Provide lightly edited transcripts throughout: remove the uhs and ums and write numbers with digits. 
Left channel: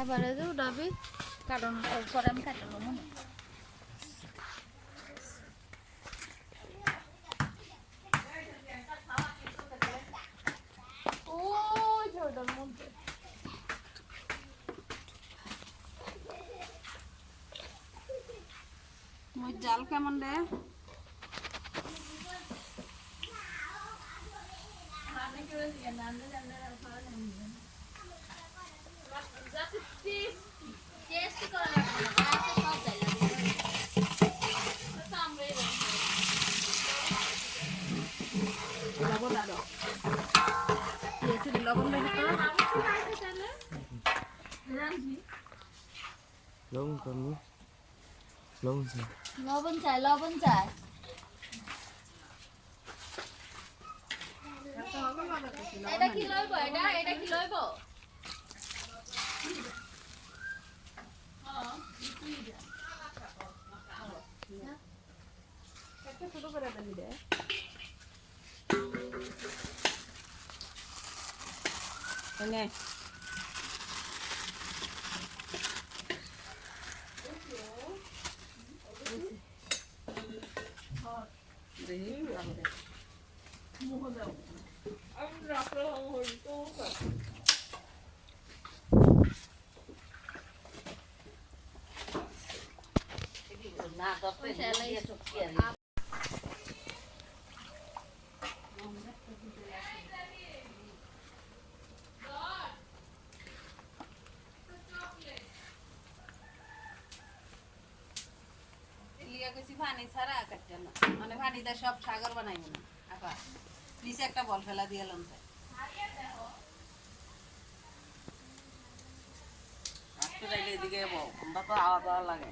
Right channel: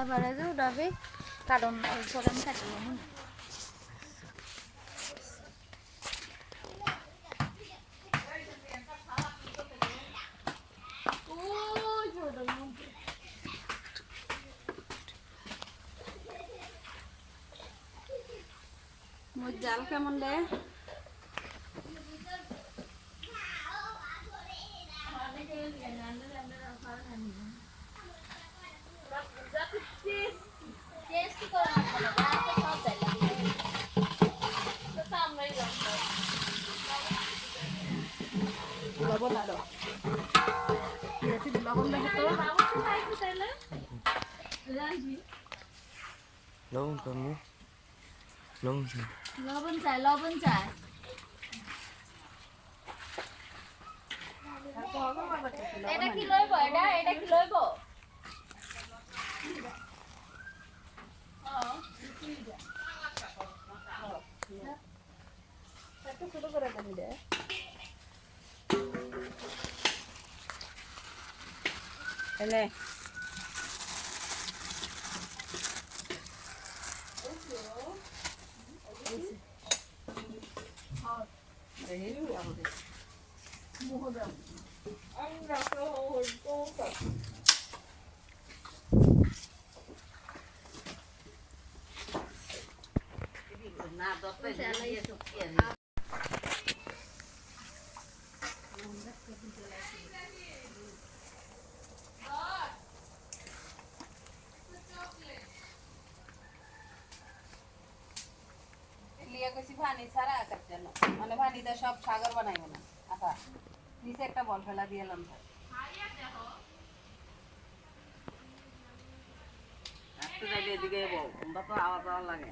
এবারে যে উঠাবি কারণ পরে আমি কাটলাম না মোর জাল কেমন রে লবণ আরো লবণ লবণ কমে লবণ চাই লবণ চাই লবণ চাই এটা কি লইব এটা কি লইব ছোট করে দেবি রে এনে না দতে পানি ছাড়া কাটছেন মানে পানিতে সব সাগর বানাইব না আপা নিচে একটা বল ফেলা দিয়ে এলাম ভাই আপনি যাইলে এদিকে যাবো আমরা তো আওয়াজ আওয়াজ লাগে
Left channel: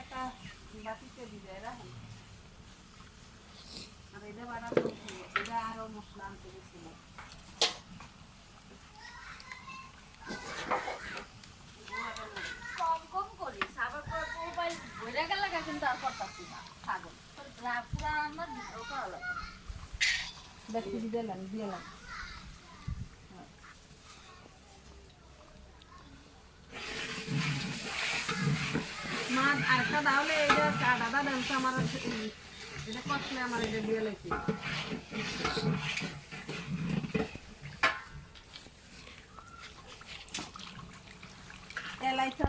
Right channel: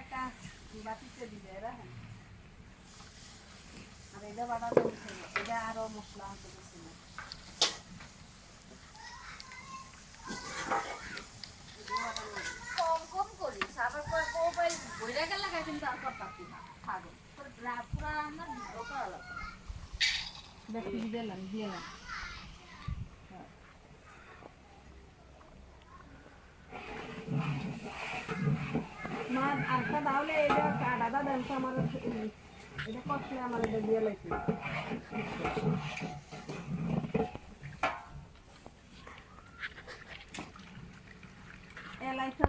একটা বাটিতে দিবে রাখেন আর এটা বানাবো এটা আরো মশলা আনতে গেছিল কম কম করিস আবার পরে মোবাইল বইরা গেল কিন্তু আর করতাছি না ছাগল পুরা আমার ভিডিও করা লাগবে দেখতে দিলাম দিলাম মা আরেকটা তাহলে এটা দাদা দেনছে আমার এটা কষ্টলে আমার এটা দিয়ে লেছি এলাইছে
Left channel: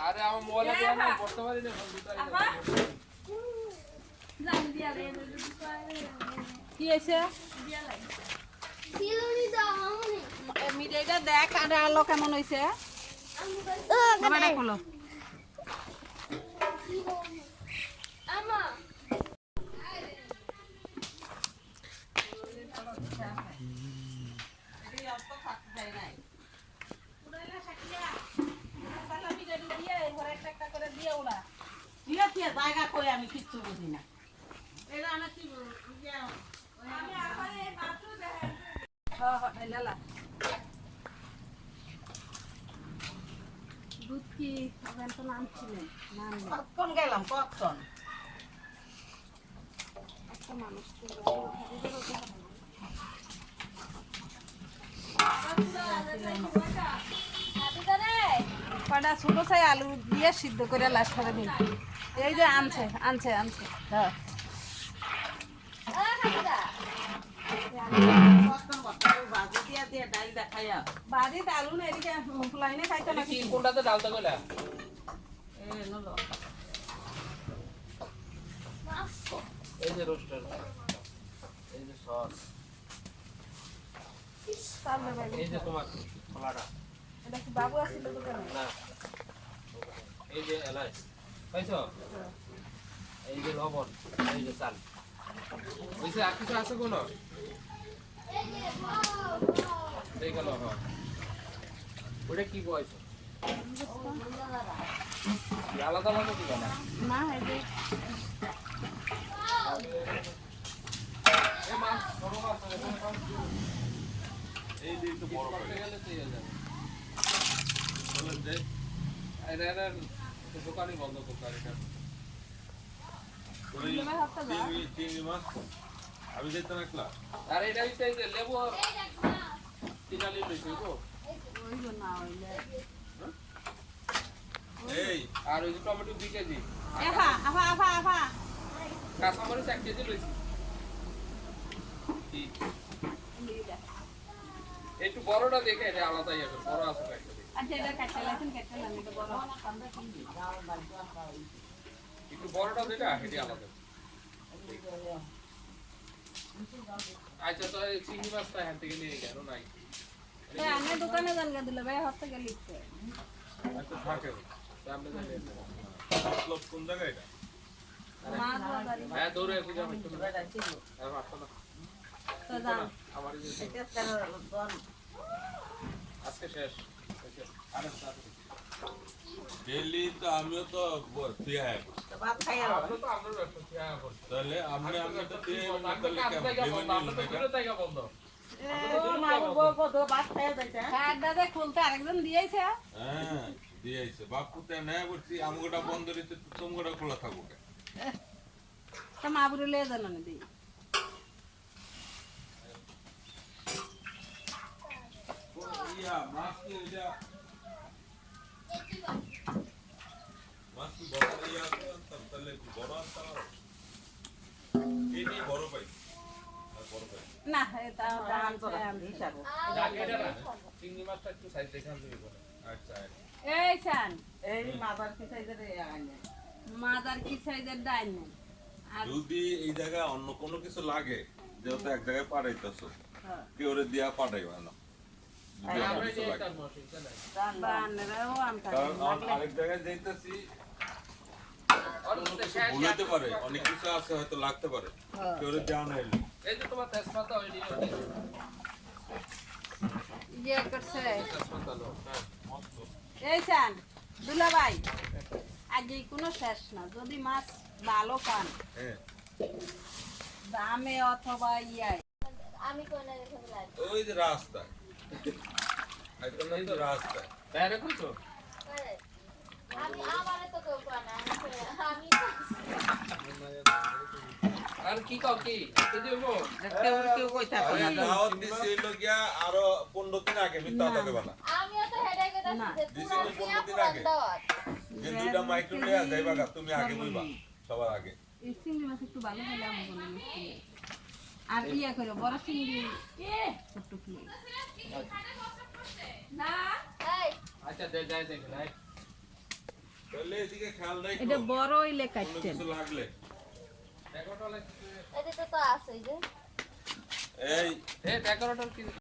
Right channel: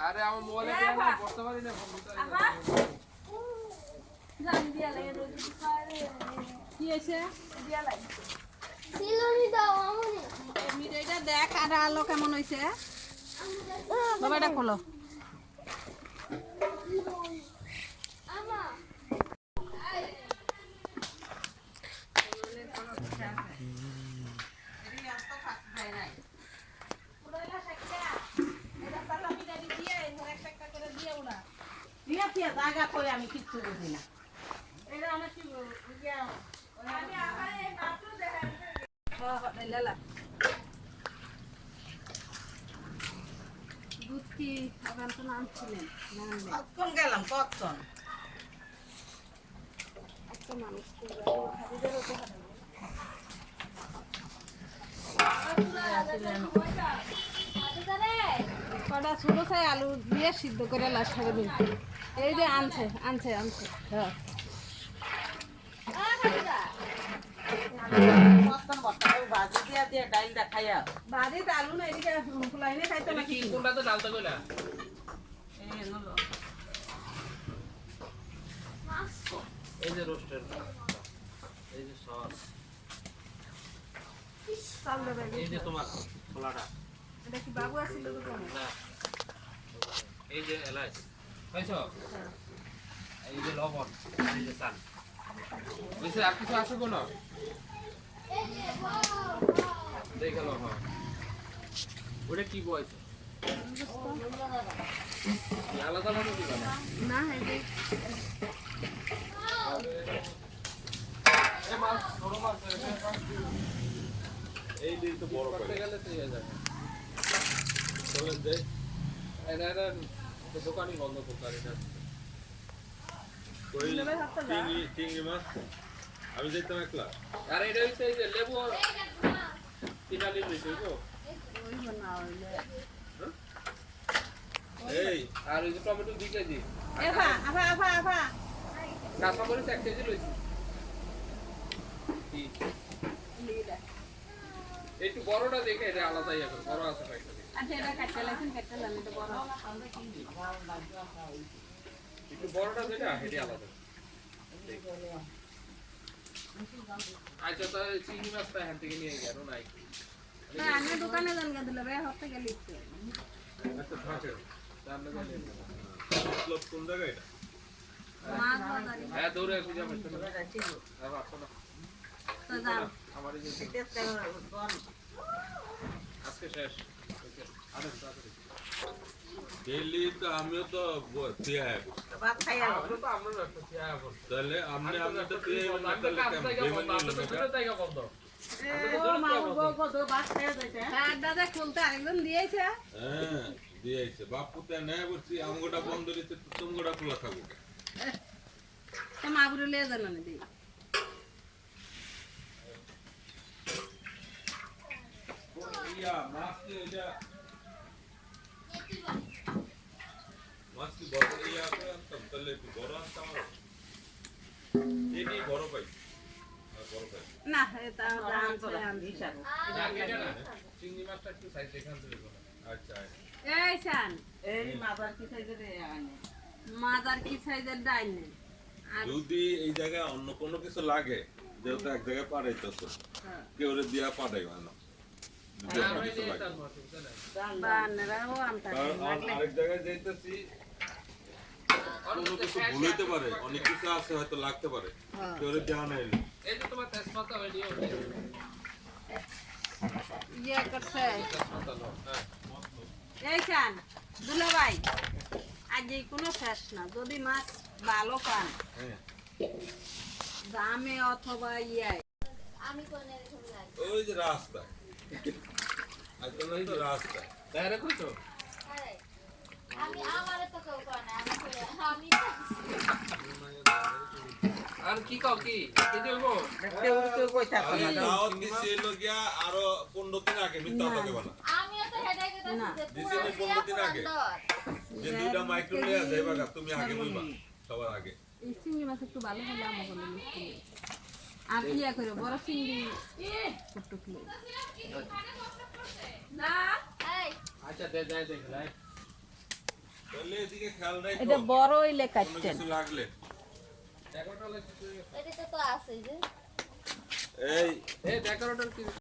আরে আমার মোবাইলে দেয়া না করতে পারি না কি হয়েছে মিঠাইটা দেখ আর আলো কেমন হয়েছে বাবাটা খোলো জায়গা করে আমি কিচ্ছু বুঝি না এটা আমার কি দুধ কি ওখান তো নামছিলেন কতক্ষণ গেলাম কতক্ষণ একটা মানুষ কটা ছোটো চাই আলু দিয়ে সিদ্ধ করে লাশ করে দিন এই যে আনছে আনছে আনছে হ্যাঁ বাড়ি দারুন এদিকে ফুলাইনে খাইতো না কোনটাতে ডালতে কইলা এই যে রোস্টার এই যে সস চাল দেবে এই যে তোমার খোলাটা এটা কি বাবু আসছিল দোকানে না এই যে এলাচ পাইছো এই যে লবণ এই যে চাল বুঝছে আর কিছু আছে কোনো দেখালো হ্যাঁ ওটা কি বয়স আলাদা ভাবে কি জানো না এই যে এই মাছ ছোট মাছ এই দিন তো বড় করতে করে গেলে তো ইয়ে যাবে চলেন যাই দোকানই বন্ধ দোকান ওই লেবে হাতটা যা চিংড়ি মাছ আমি যেতাম একলা আর এটা হচ্ছে এই যে লেবু কিনালি লইছে গো ওই না হইলে এই আর ওই যে টমেটো 2 কেজি এফা আফা আফা আফা কাঁচা মরিচ 1 কেজি লইছি কি একটু বড়টা দেখে এটা আলাদাই হবে বড় আছে একটা আচ্ছা এটা কাটতে লাইছেন কাটতে লাম এটা বড় একটু বড়টা দেখে এটা আলাদা আচ্ছা তো চিংড়ি মাছটা হ্যাঁ থেকে নিয়ে গেল নাই তো আমি দোকানে যান গা দিলে ভাই হতে গেলি আচ্ছা থাকে সামনে যাই মতলব কোন জায়গায় এটা মাছ বাজারে হ্যাঁ দৌড়ে বুঝা হচ্ছে না আর ভাবছো না তো দাম আমার এই যে আজকে শেষ আর তাড়াতাড়ি ডেইলি তো আমিও তো দিয়া আমরা তো আমরা ব্যবসা হ্যাঁ বল তাহলে আপনি তো তুই না তাহলে কেমন বেমানি হলো না এটা? হ্যাঁ দাদা খুলতে আরেকজন দিয়েছে হ্যাঁ দিয়েছে বাপু তে নেয় করছি আমগোটা বন্ধ রইতে তোমগোটা খোলা থাকবো তো মাগুরে লিয়ে যান না দিই ইয়া মাছ কি এটা মাছ কি বড় ইয়া তাহলে কি বড় আছে আমার এটি বড় পাই আর বড় পাই না এটা দাম ছে আমি এটা না চিংড়ি মাছটা একটু সাইজ দেখে আনতে দেবো আচ্ছা এই সান এই মাদার কি সাইজের আনে মাদার কি সাইজের ডাইন নেন আর যদি এই জায়গায় অন্য কোনো কিছু লাগে যেহেতু এক জায়গায় পাঠাইতেছ কেউ দিয়া পাঠাইবা না যদি অন্য কিছু লাগে বানরাও আমটা কারণ আরেক জায়গায় যাইতেছি কোনো কিছু ভুলতে পারে অনেক কিছু আছে হয়তো লাগতে পারে কেউ দেওয়া নেই এই যে তোমার তেজপাতা ওইডিও ইয়ে করছে তেজপাতা লো এই সান দুলা ভাই আজ কোনো শেষ না যদি মাছ ভালো পান হ্যাঁ দামে অথবা ইয়ায় আমি কোনে রেখে লাগবে ওই যে রাস্তা একদম নাই তো রাস্তা ডাইরেক্ট কইছো আমি আমারে তো কেউ করে না আমি আর কি কাও কি কি দিবো কেউ কেউ কই থাকো না দাওয়াত দিছে গিয়া আরো 15 দিন আগে মিথ্যা কথা বলা আমিও তো হেডেকে না। দিছি যে পুরো দিছি তো 15 দিন আগে। দাওয়াত যে দুইটা মাইক্রো নিয়ে যাইবা গা, তুমি আগে বলবা সবার আগে এই চিংড়ি মাছ একটু ভালো হলে আমার বলে মিষ্টি নেই। আর ইয়া করে বড় চিংড়ি একটু প্লেট না এই আচ্ছা যাই দেখুন তাহলে এদিকে খেয়াল রাখো এটা বড় হইলে কোনো কাটতেন কিছু লাগলে এগারোটা লাগছে এটা তো আছে যে এই এ 11টার কি